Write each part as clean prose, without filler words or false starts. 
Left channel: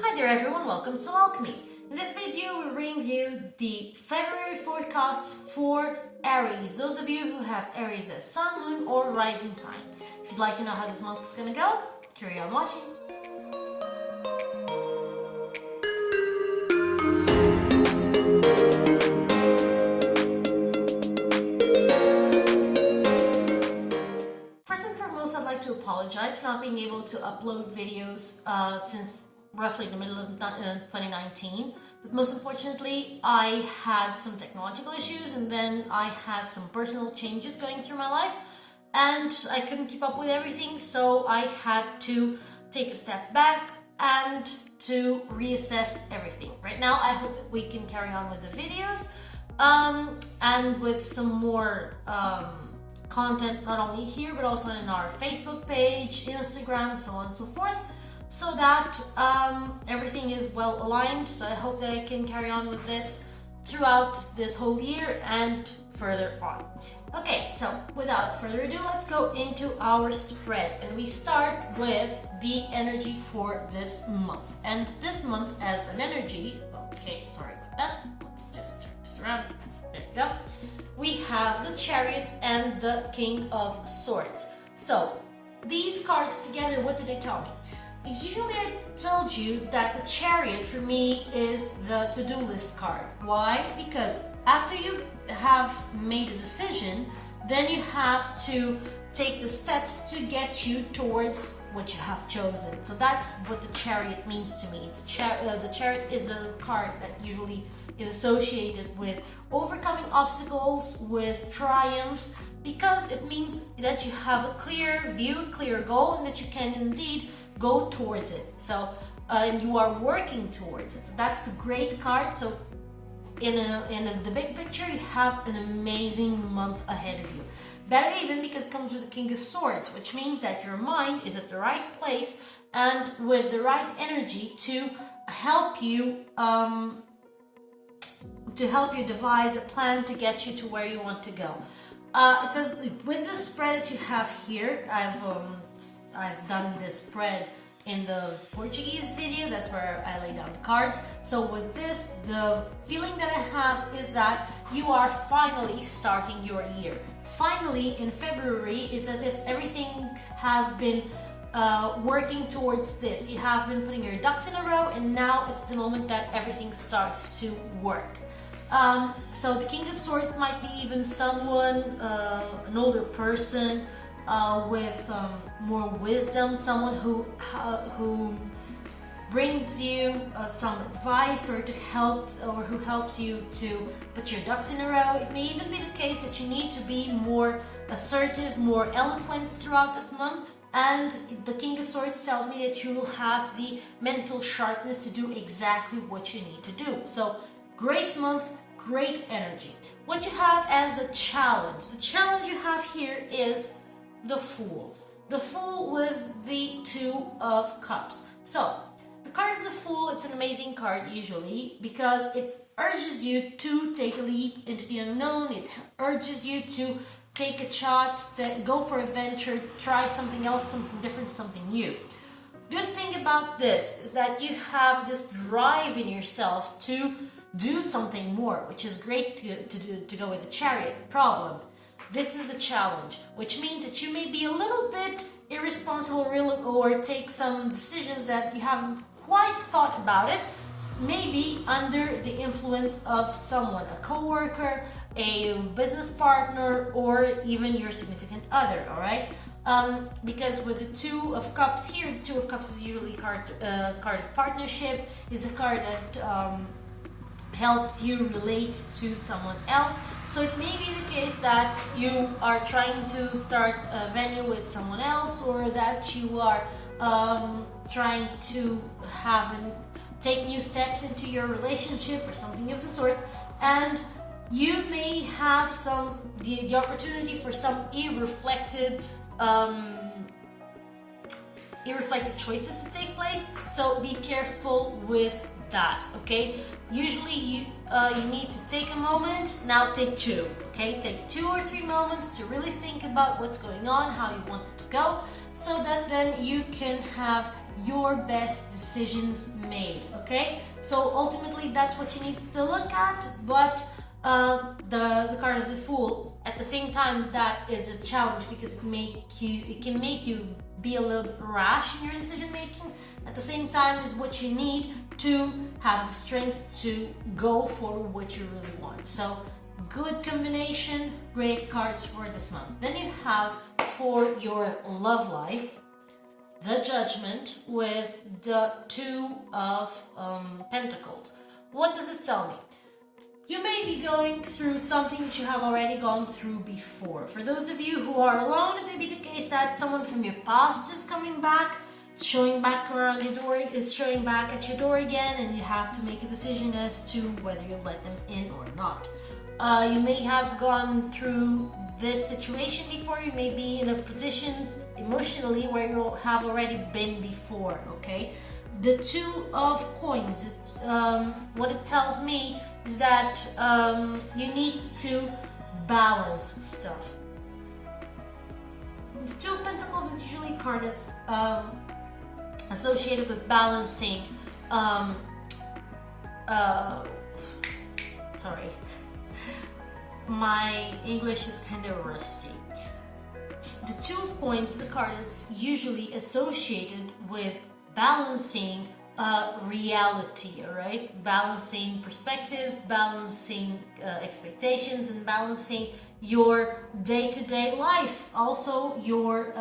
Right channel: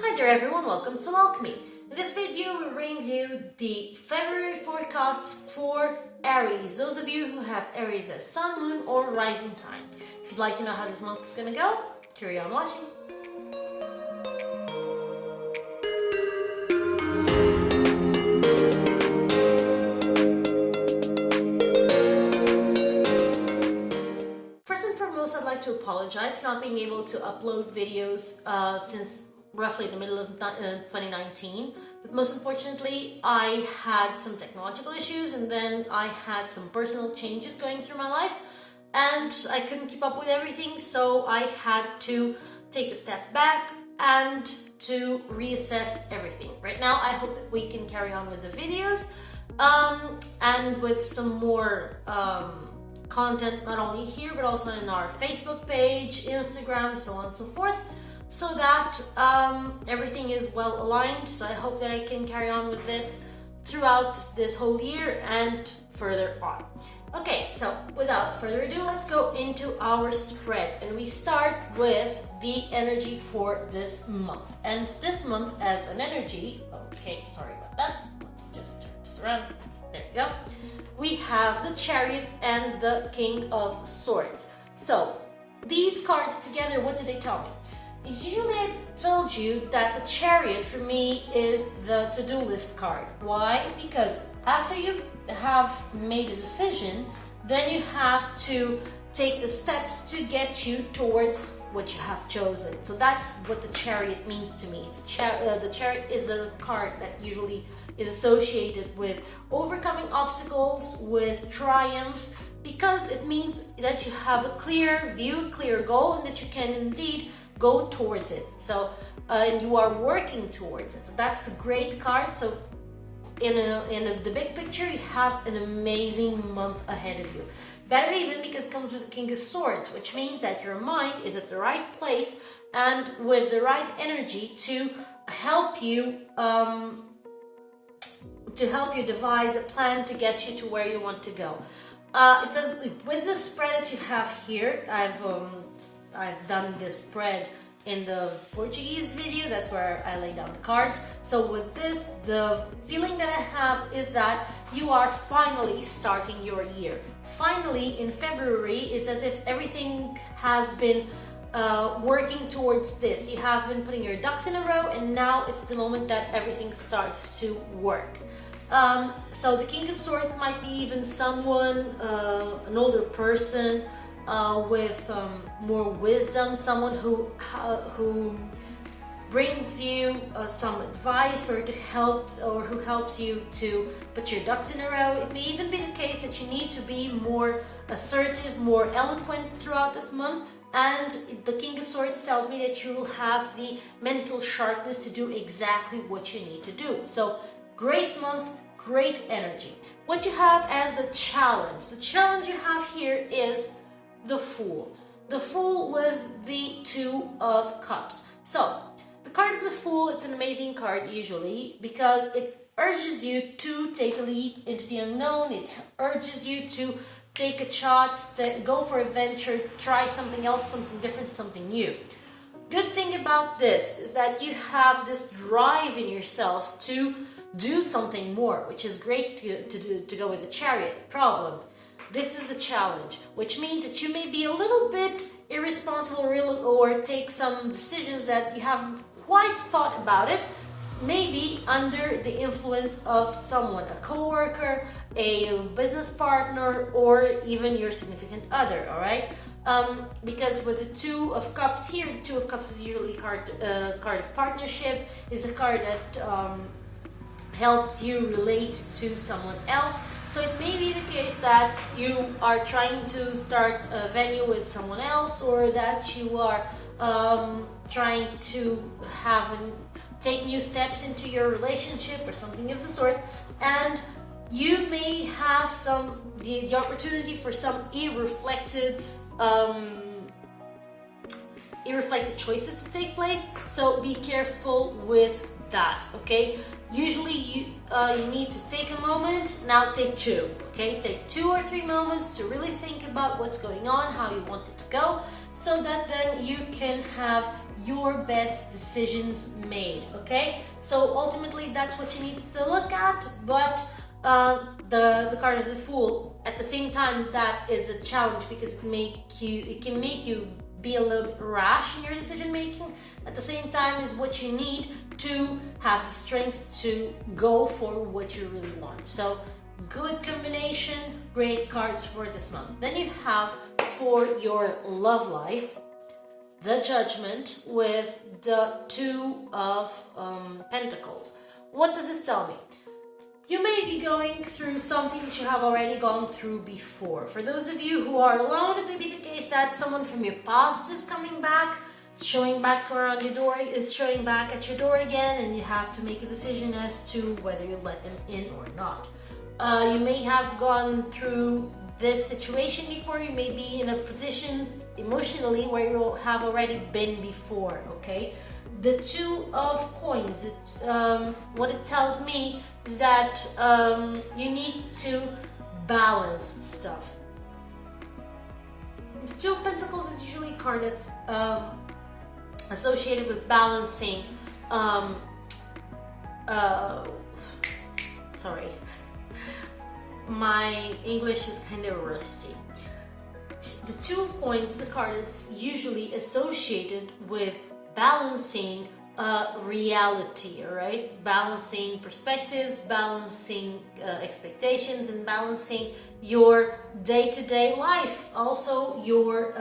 Hi there everyone, welcome to Alchemy. In this video we bring you the February forecasts for Aries. Those of you who have Aries as sun, moon or rising sign. If you'd like to know how this month is going to go, carry on watching. First and foremost, I'd like to apologize for not being able to upload videos since roughly the middle of 2019, but most unfortunately I had some technological issues and then I had some personal changes going through my life and I couldn't keep up with everything, so I had to take a step back and to reassess everything. Right now I hope that we can carry on with the videos and with some more content, not only here but also in our Facebook page, Instagram, so on and so forth, so that everything is well aligned. So I hope that I can carry on with this throughout this whole year and further on. Okay, so without further ado, let's go into our spread, and we start with the energy for this month. And this month as an energy, okay, sorry about that, let's just turn this around, there we go. We have the Chariot and the King of Swords. So these cards together, what do they tell me? Usually I told you that the Chariot for me is the to-do list card. Why? Because after you have made a decision, then you have to take the steps to get you towards what you have chosen. So that's what the Chariot means to me. The Chariot is a card that usually is associated with overcoming obstacles, with triumph, because it means that you have a clear view, a clear goal, and that you can indeed go towards it. So and you are working towards it. That's a great card. So in the big picture, you have an amazing month ahead of you. Better even because it comes with the King of Swords, which means that your mind is at the right place and with the right energy to help you devise a plan to get you to where you want to go. It says with the spread that you have here, I've done this spread in the Portuguese video, that's where I lay down the cards. So with this, the feeling that I have is that you are finally starting your year. Finally, in February, it's as if everything has been working towards this. You have been putting your ducks in a row, and now it's the moment that everything starts to work. So the King of Swords might be even someone, an older person, with more wisdom, someone who brings you some advice or who helps you to put your ducks in a row. It may even be the case that you need to be more assertive, more eloquent throughout this month, and the King of Swords tells me that you will have the mental sharpness to do exactly what you need to do. So great month, great energy. What you have as a challenge, the challenge you have here is the Fool. The Fool with the Two of Cups. So, the card of the Fool, it's an amazing card usually because it urges you to take a leap into the unknown. It urges you to take a shot, to go for a venture, try something else, something different, something new. Good thing about this is that you have this drive in yourself to do something more, which is great to go with the Chariot. Problem: this is the challenge, which means that you may be a little bit irresponsible or take some decisions that you haven't quite thought about it, maybe under the influence of someone, a co-worker, a business partner, or even your significant other, all right? Because with the Two of Cups here, the Two of Cups is usually a card of partnership, is a card that helps you relate to someone else. So it may be the case that you are trying to start a venue with someone else, or that you are trying to take new steps into your relationship or something of the sort, and you may have the opportunity for some irreflected irreflective choices to take place. So be careful with that, okay? Usually you need to take a moment, now take two, okay? Take 2 or 3 moments to really think about what's going on, how you want it to go, so that then you can have your best decisions made, okay? So ultimately that's what you need to look at, but the card of the Fool, at the same time, that is a challenge because it can make you be a little bit rash in your decision making. At the same time, is what you need to have the strength to go for what you really want. So good combination, great cards for this month. Then you have for your love life the Judgment with the Two of Pentacles. What does this tell me? You may be going through something that you have already gone through before. For those of you who are alone, it may be the case that someone from your past is coming back, showing back around your door, is showing back at your door again, and you have to make a decision as to whether you let them in or not. You may have gone through this situation before. You may be in a position emotionally where you have already been before, okay? The Two of Coins, what it tells me is that you need to balance stuff. The Two of Pentacles is usually a card that's associated with balancing. Sorry, my English is kind of rusty. The Two of Coins, the card is usually associated with balancing reality, right? Balancing perspectives, balancing expectations, and balancing your day-to-day life, also your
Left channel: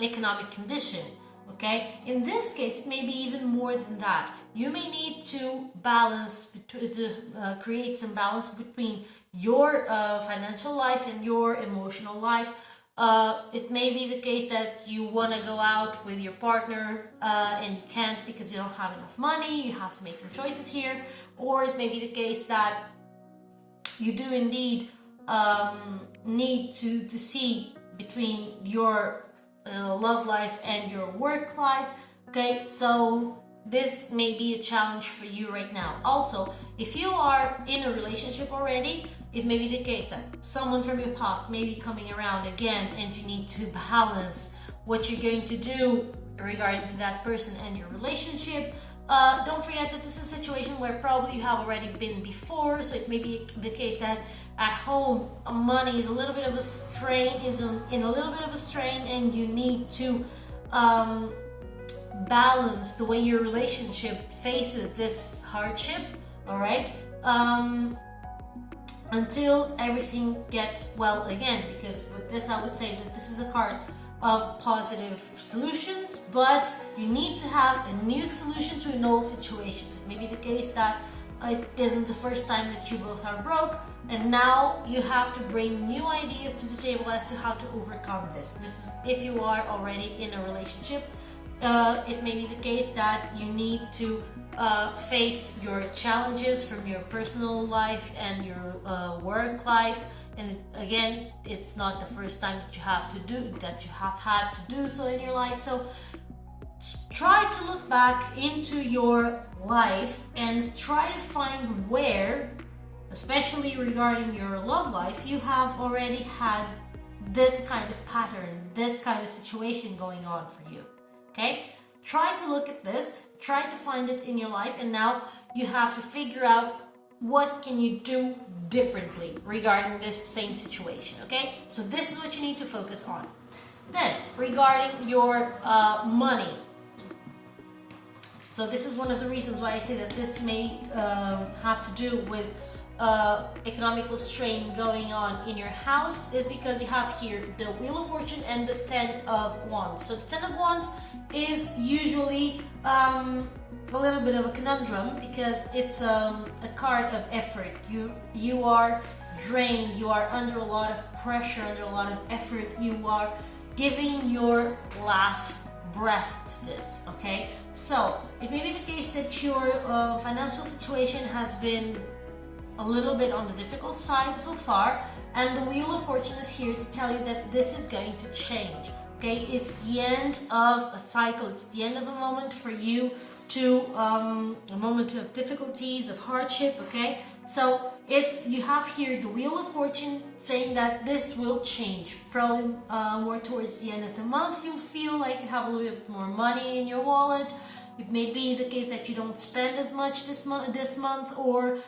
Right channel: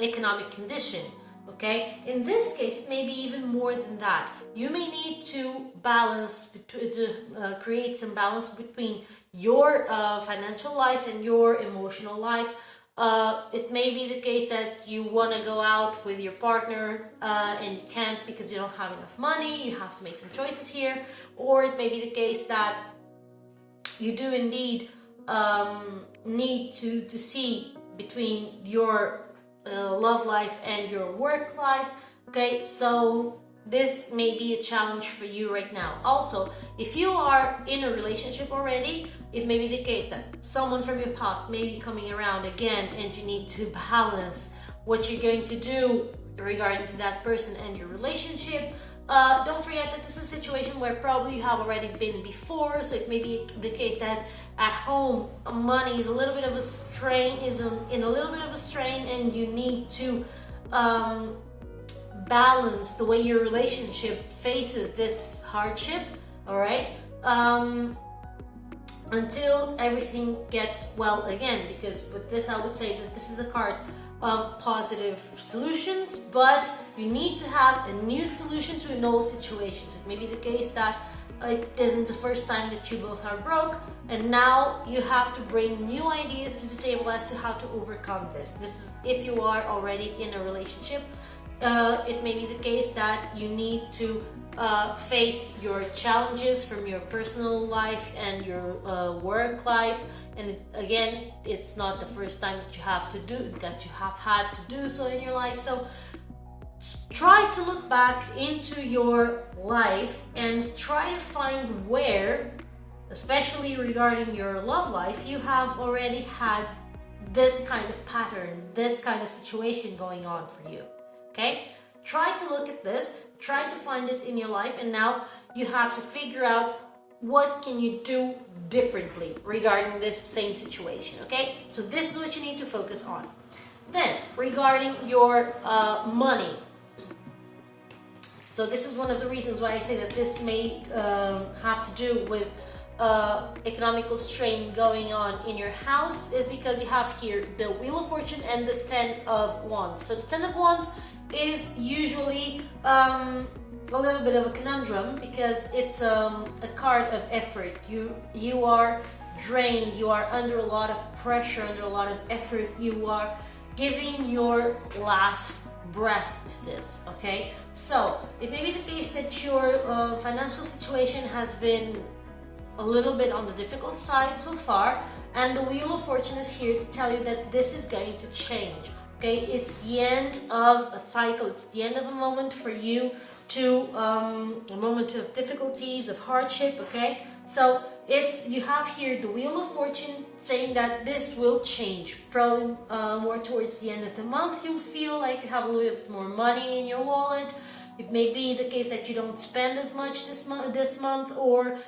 economic condition, okay? In this case, it may be even more than that. You may need to balance, to create some balance between your financial life and your emotional life. It may be the case that you want to go out with your partner and you can't because you don't have enough money. You have to make some choices here. Or it may be the case that you do indeed need to see between your love life and your work life. Okay, so this may be a challenge for you right now. Also, if you are in a relationship already, it may be the case that someone from your past may be coming around again, and you need to balance what you're going to do regarding to that person and your relationship. Don't forget that this is a situation where probably you have already been before, so it may be the case that at home money is a little bit of a strain, in a little bit of a strain, and you need to balance the way your relationship faces this hardship, all right, until everything gets well again. Because with this, I would say that this is a card of positive solutions, but you need to have a new solution to an old situation. So it may be the case that it isn't the first time that you both are broke, and now you have to bring new ideas to the table as to how to overcome this. This is if you are already in a relationship. It may be the case that you need to face your challenges from your personal life and your work life. And again, it's not the first time that you have had to do so in your life. So try to look back into your life and try to find where, especially regarding your love life, you have already had this kind of pattern, this kind of situation going on for you. Okay? Try to look at this, try to find it in your life, and now you have to figure out what can you do differently regarding this same situation. Okay? So this is what you need to focus on. Then, regarding your money. So this is one of the reasons why I say that this may have to do with economical strain going on in your house, is because you have here the Wheel of Fortune and the 10 of Wands. So the 10 of Wands is usually a little bit of a conundrum because it's a card of effort. You are drained, you are under a lot of pressure, under a lot of effort, you are giving your last breath to this, okay? So it may be the case that your financial situation has been a little bit on the difficult side so far, and the Wheel of Fortune is here to tell you that this is going to change. Okay, it's the end of a cycle. It's the end of a moment for you to a moment of difficulties, of hardship. Okay, so you have here the Wheel of Fortune saying that this will change. From more towards the end of the month, you'll feel like you have a little bit more money in your wallet. It may be the case that you don't spend as much this month, or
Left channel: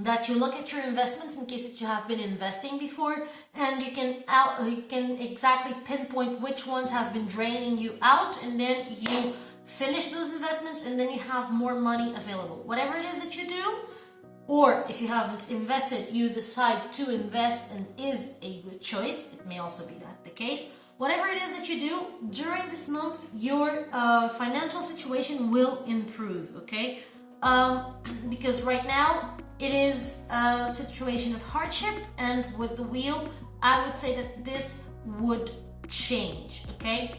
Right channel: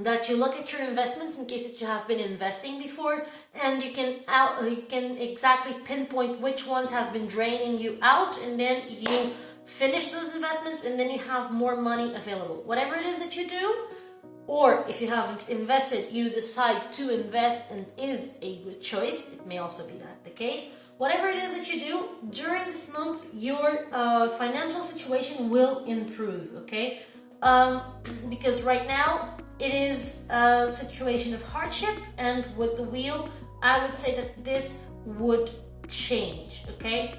that you look at your investments in case that you have been investing before, and you can exactly pinpoint which ones have been draining you out, and then you finish those investments, and then you have more money available. Whatever it is that you do, or if you haven't invested, you decide to invest and is a good choice. It may also be that the case. Whatever it is that you do during this month, your financial situation will improve, okay? Because right now it is a situation of hardship, and with the wheel, I would say that this would change, okay?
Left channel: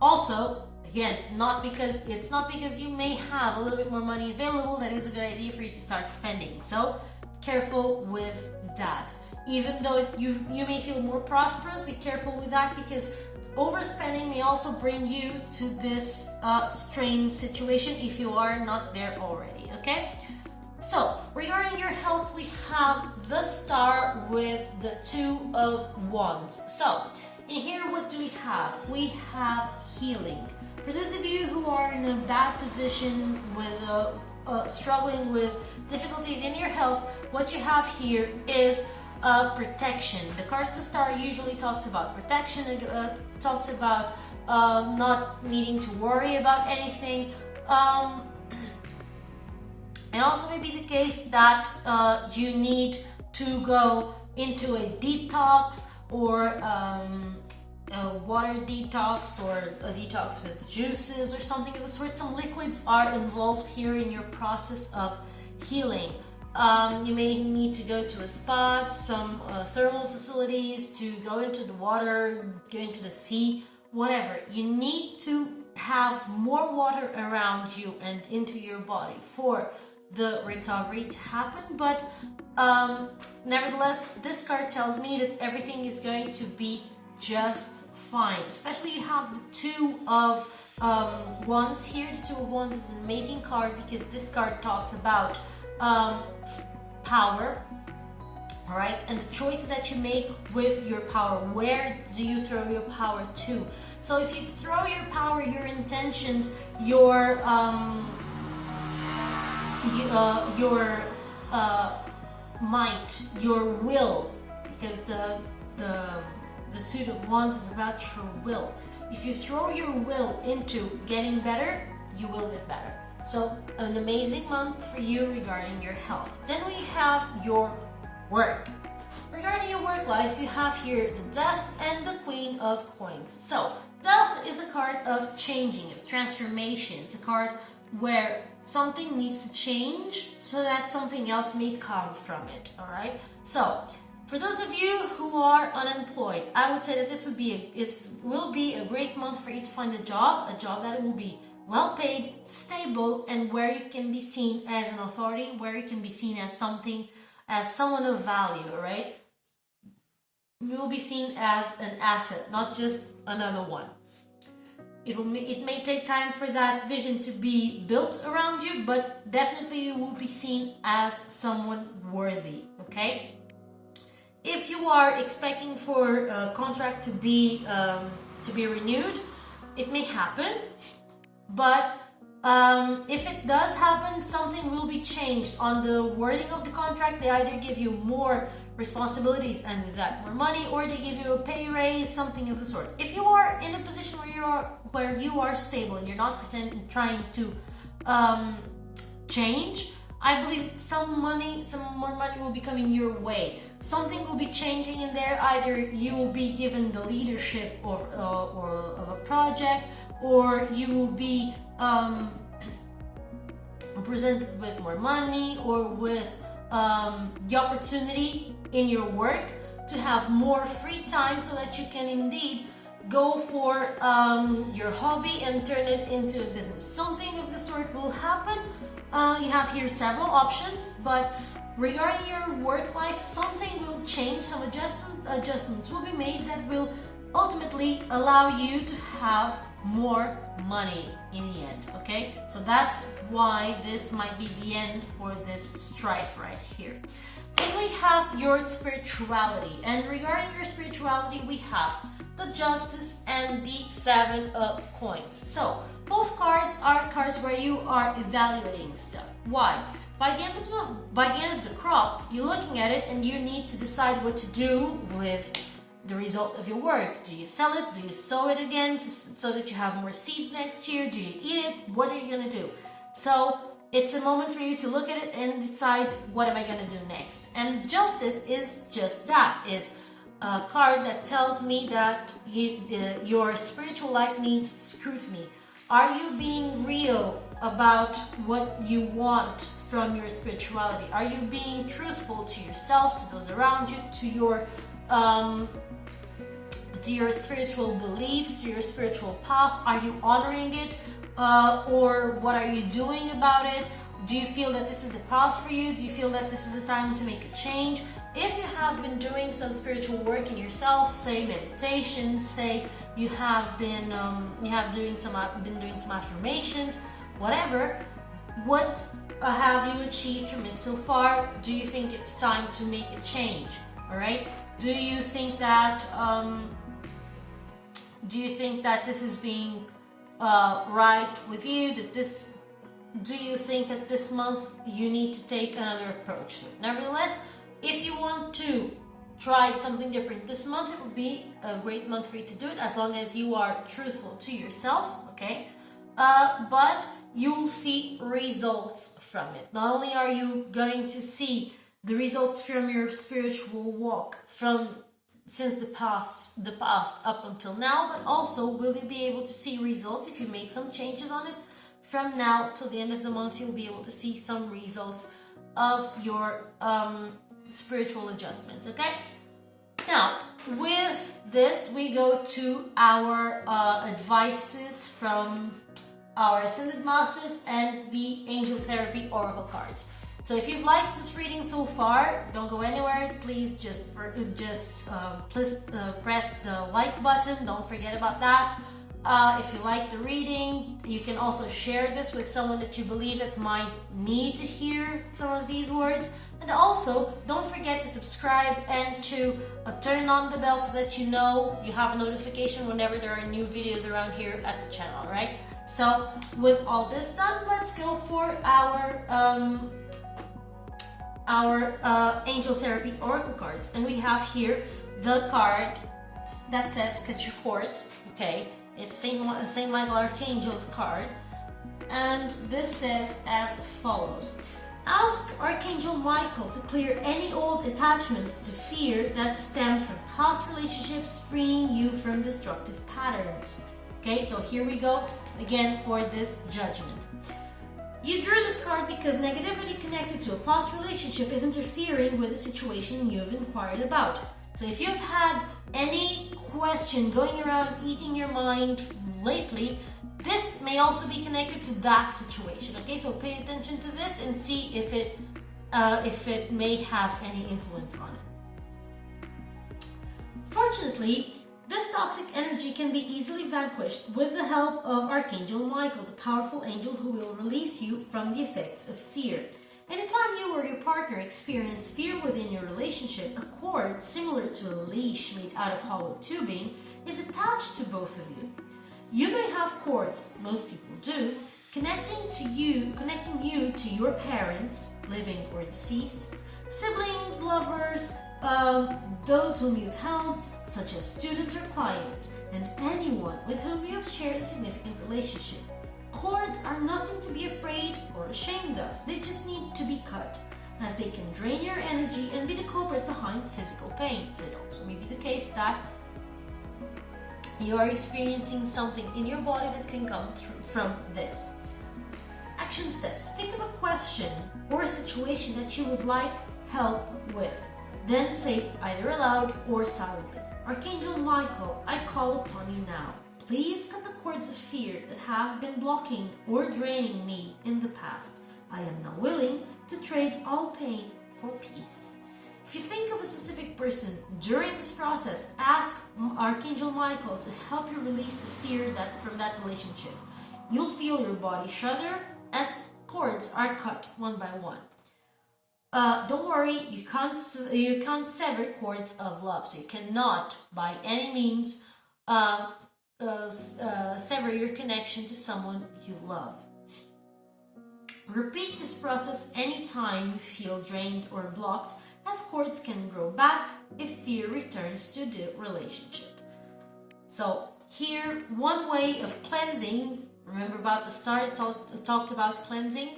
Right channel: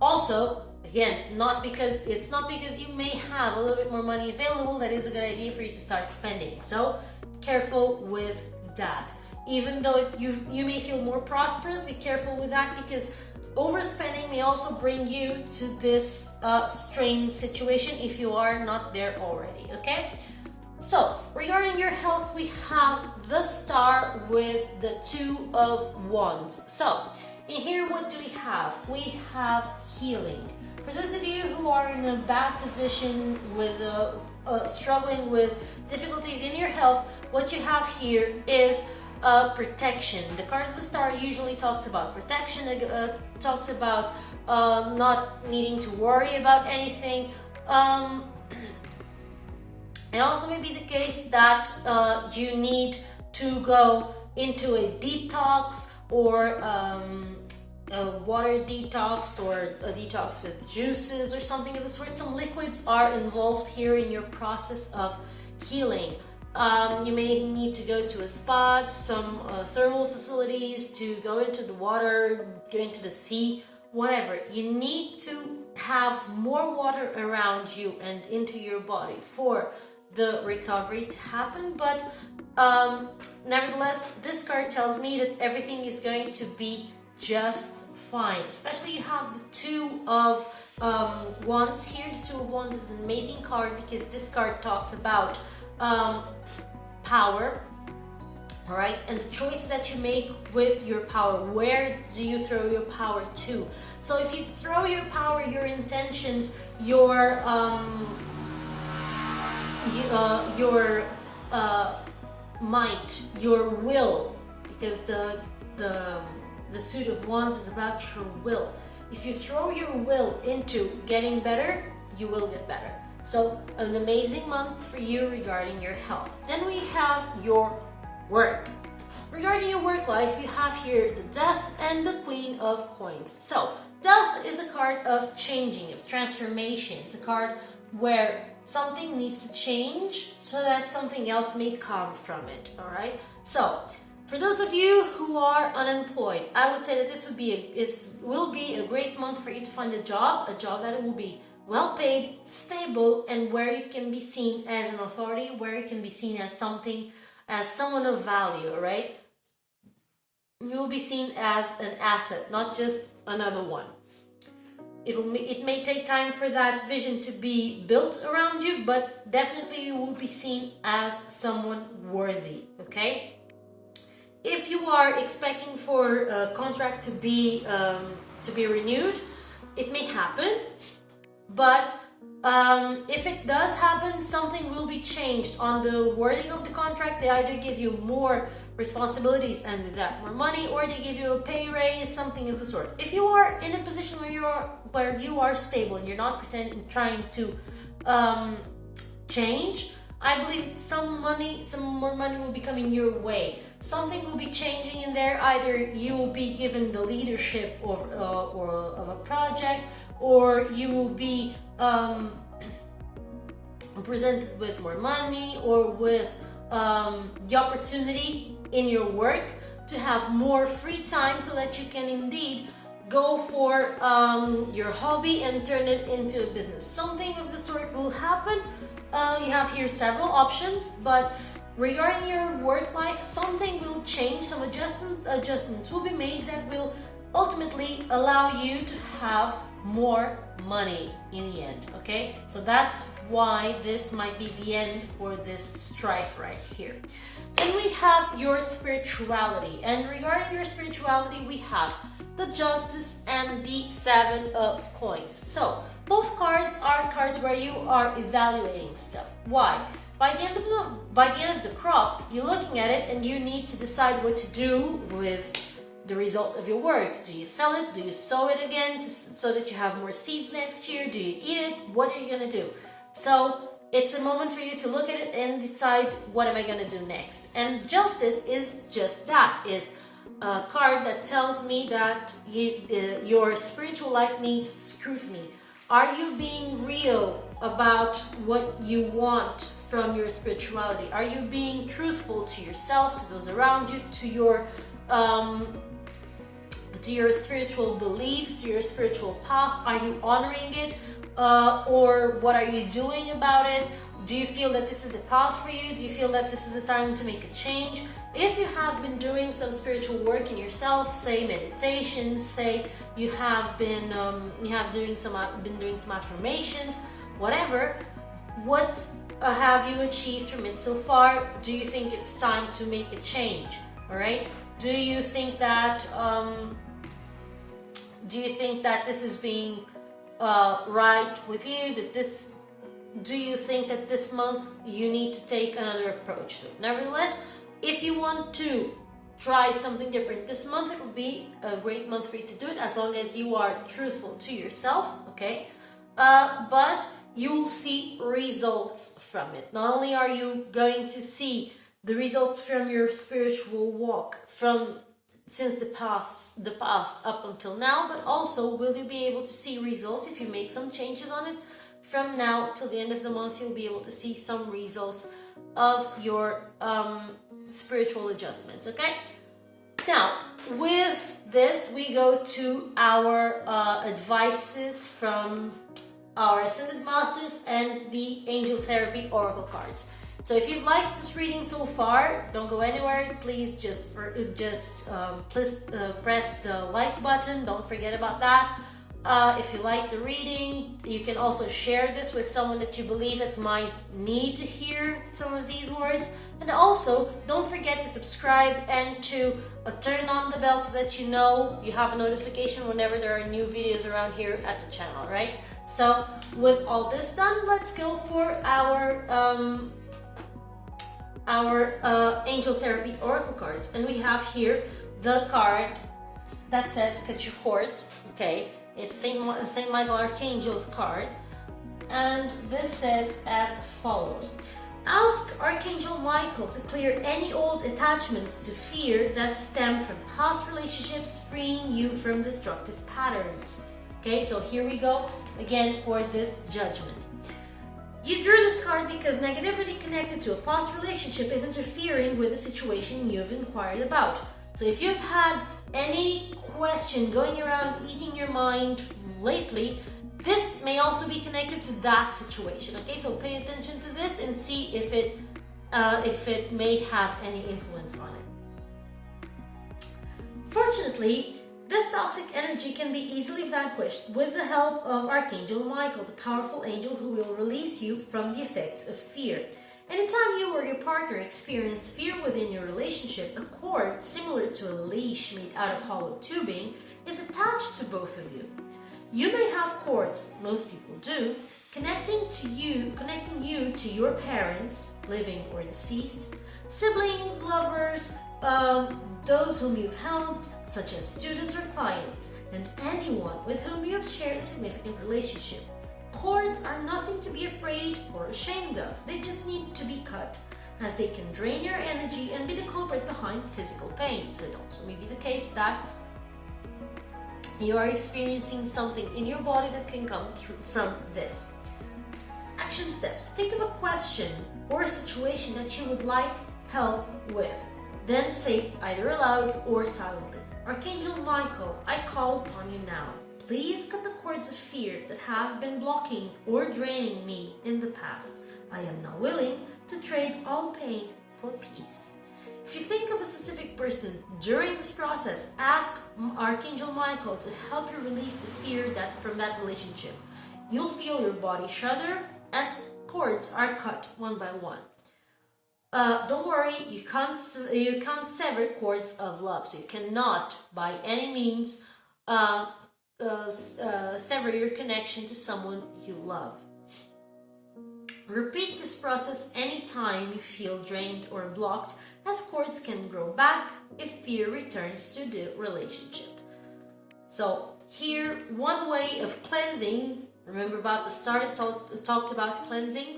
Also, again, it's not because you may have a little bit more money available that is a good idea for you to start spending. So careful with that. Even though you may feel more prosperous, be careful with that, because overspending may also bring you to this strained situation if you are not there already, okay? So, regarding your health, we have the Star with the Two of Wands. So, in here, what do we have? We have healing. For those of you who are in a bad position with struggling with difficulties in your health, what you have here is protection. The card of the Star usually talks about protection, talks about not needing to worry about anything. It also may be the case that you need to go into a detox, or a water detox, or a detox with juices or something of the sort. Some liquids are involved here in your process of healing. You may need to go to a spa, some thermal facilities, to go into the water, go into the sea, whatever. You need to have more water around you and into your body for the recovery to happen. But nevertheless, this card tells me that everything is going to be just fine. Especially you have the Two of Wands here. The Two of Wands is an amazing card because this card talks about power, all right, and the choices that you make with your power. Where do you throw your power to? So if you throw your power, your intentions, your might, your will, because the Suit of Wands is about your will. If you throw your will into getting better, you will get better. So, an amazing month for you regarding your health. Then we have your work. Regarding your work life, you have here the Death and the Queen of Coins. So, Death is a card of changing, of transformation. It's a card where something needs to change so that something else may come from it, alright? So, for those of you who are unemployed, I would say that this will be a great month for you to find a job that will be well paid, stable, and where you can be seen as an authority, where you can be seen as someone of value, right? You will be seen as an asset, not just another one. It may take time for that vision to be built around you, but definitely you will be seen as someone worthy, okay? If you are expecting for a contract to be renewed, it may happen. But if it does happen, something will be changed on the wording of the contract. They either give you more responsibilities and with that more money, or they give you a pay raise, something of the sort. If you are in a position where you are stable and you're not trying to change, I believe some more money will be coming your way. Something will be changing in there. Either you will be given the leadership of a project, or you will be presented with more money, or with the opportunity in your work to have more free time so that you can indeed go for your hobby and turn it into a business. Something of the sort will happen. You have here several options, but regarding your work life, something will change, some adjustments will be made that will ultimately allow you to have more money in the end, okay? So that's why this might be the end for this strife right here. Then we have your spirituality, and regarding your spirituality, we have the Justice and the Seven of Coins. So both cards are cards where you are evaluating stuff. Why? By the end of the crop, you're looking at it and you need to decide what to do with the result of your work. Do you sell it? Do you sow it again so that you have more seeds next year? Do you eat it? What are you going to do? So it's a moment for you to look at it and decide, what am I going to do next? And Justice is just that, is a card that tells me that your spiritual life needs scrutiny. Are you being real about what you want from your spirituality? Are you being truthful to yourself, to those around you, to your spiritual beliefs, to your spiritual path? Are you honoring it? Or what are you doing about it? Do you feel that this is the path for you? Do you feel that this is the time to make a change? If you have been doing some spiritual work in yourself, say meditation, say you have been doing some affirmations, whatever, what have you achieved from it so far? Do you think it's time to make a change? All right. Do you think that this is being right with you? Do you think that this month you need to take another approach to it? Nevertheless, if you want to try something different this month, it will be a great month for you to do it, as long as you are truthful to yourself, okay? But you will see results from it. Not only are you going to see the results from your spiritual walk since the past up until now, but also will you be able to see results if you made some changes on it. From now till the end of the month, you'll be able to see some results of your spiritual adjustments, okay? Now, with this, we go to our advices from our Ascended Masters and the Angel Therapy Oracle cards. So if you've liked this reading so far, don't go anywhere. Please just press the like button. Don't forget about that. If you like the reading, you can also share this with someone that you believe that might need to hear some of these words. And also, don't forget to subscribe and to turn on the bell so that you know you have a notification whenever there are new videos around here at the channel, right? So, with all this done, let's go for our Angel Therapy Oracle cards. And we have here the card that says Cut Your Cords, okay? It's Saint Michael Archangel's card, and this says as follows: ask Archangel Michael to clear any old attachments to fear that stem from past relationships, freeing you from destructive patterns. Okay, so here we go again for this judgment. You drew this card because negativity connected to a past relationship is interfering with the situation you've inquired about. So if you've had any question going around eating your mind lately, this may also be connected to that situation. Okay, so pay attention to this and see if it may have any influence on it. Fortunately, this toxic energy can be easily vanquished with the help of Archangel Michael, the powerful angel who will release you from the effects of fear. Anytime you or your partner experience fear within your relationship, a cord similar to a leash made out of hollow tubing is attached to both of you. You may have cords, most people do, connecting you to your parents, living or deceased, siblings, lovers, those whom you've helped, such as students or clients, and anyone with whom you have shared a significant relationship. Cords are nothing to be afraid or ashamed of. They just need to be cut, as they can drain your energy and be the culprit behind physical pain. So it also may be the case that you are experiencing something in your body that can come from this. Action steps. Think of a question or a situation that you would like help with. Then say it either aloud or silently. Archangel Michael, I call upon you now. Please cut the cords of fear that have been blocking or draining me in the past. I am now willing to trade all pain for peace. If you think of a specific person during this process, ask Archangel Michael to help you release the fear from that relationship. You'll feel your body shudder as cords are cut one by one. Don't worry, you can't sever cords of love, so you cannot, by any means, sever your connection to someone you love. Repeat this process anytime you feel drained or blocked, as cords can grow back if fear returns to the relationship. So here, one way of cleansing. Remember about the start, I talked about cleansing.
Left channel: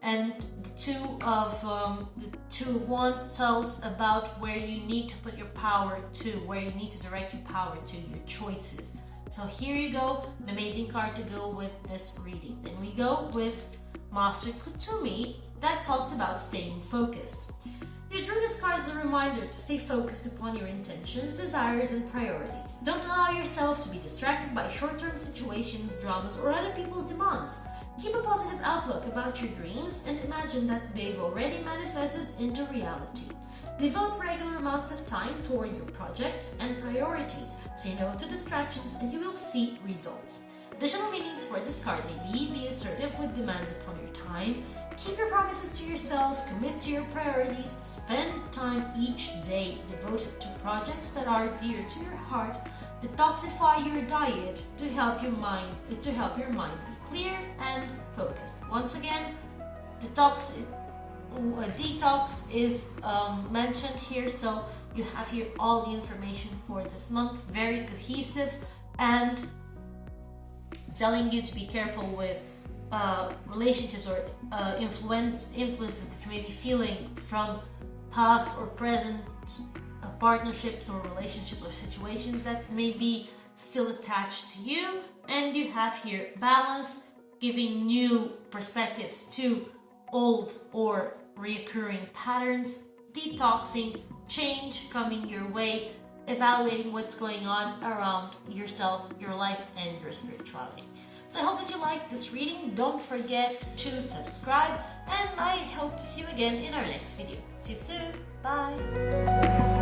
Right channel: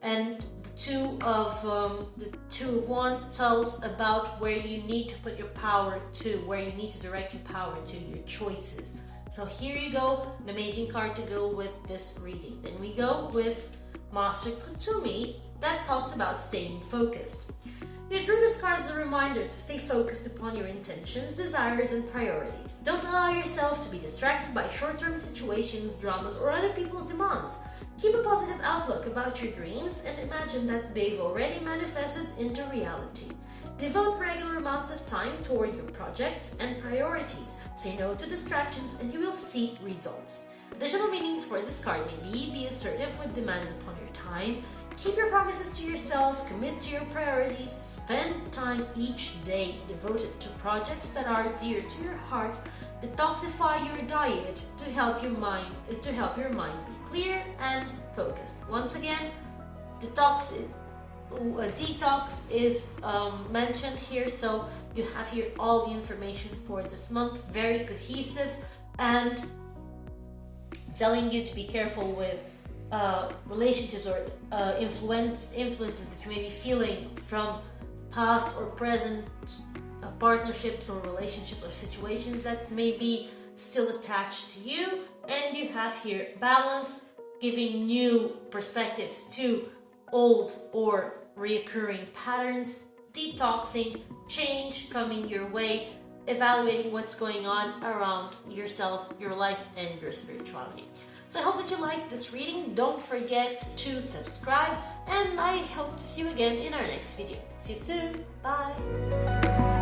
And the two of wands tells about where you need to put your power to, where you need to direct your power to, your choices. So here you go, an amazing card to go with this reading. Then we go with Master Kutumi, that talks about staying focused. You drew this card as a reminder to stay focused upon your intentions, desires, and priorities. Don't allow yourself to be distracted by short-term situations, dramas, or other people's demands. Keep a positive outlook about your dreams and imagine that they've already manifested into reality. Devote regular amounts of time toward your projects and priorities. Say no to distractions and you will see results. Additional meanings for this card may be assertive with demands upon your time, keep your promises to yourself, commit to your priorities, spend time each day devoted to projects that are dear to your heart, detoxify your diet to help your mind be clear and focused. Once again, detox is mentioned here, so you have here all the information for this month, very cohesive and telling you to be careful with relationships or influences that you may be feeling from past or present partnerships or relationships or situations that may be still attached to you. And you have here balance, giving new perspectives to old or reoccurring patterns, detoxing, change coming your way, evaluating what's going on around yourself, your life, and your spirituality. So I hope that you liked this reading. Don't forget to subscribe, and I hope to see you again in our next video. See you soon. Bye.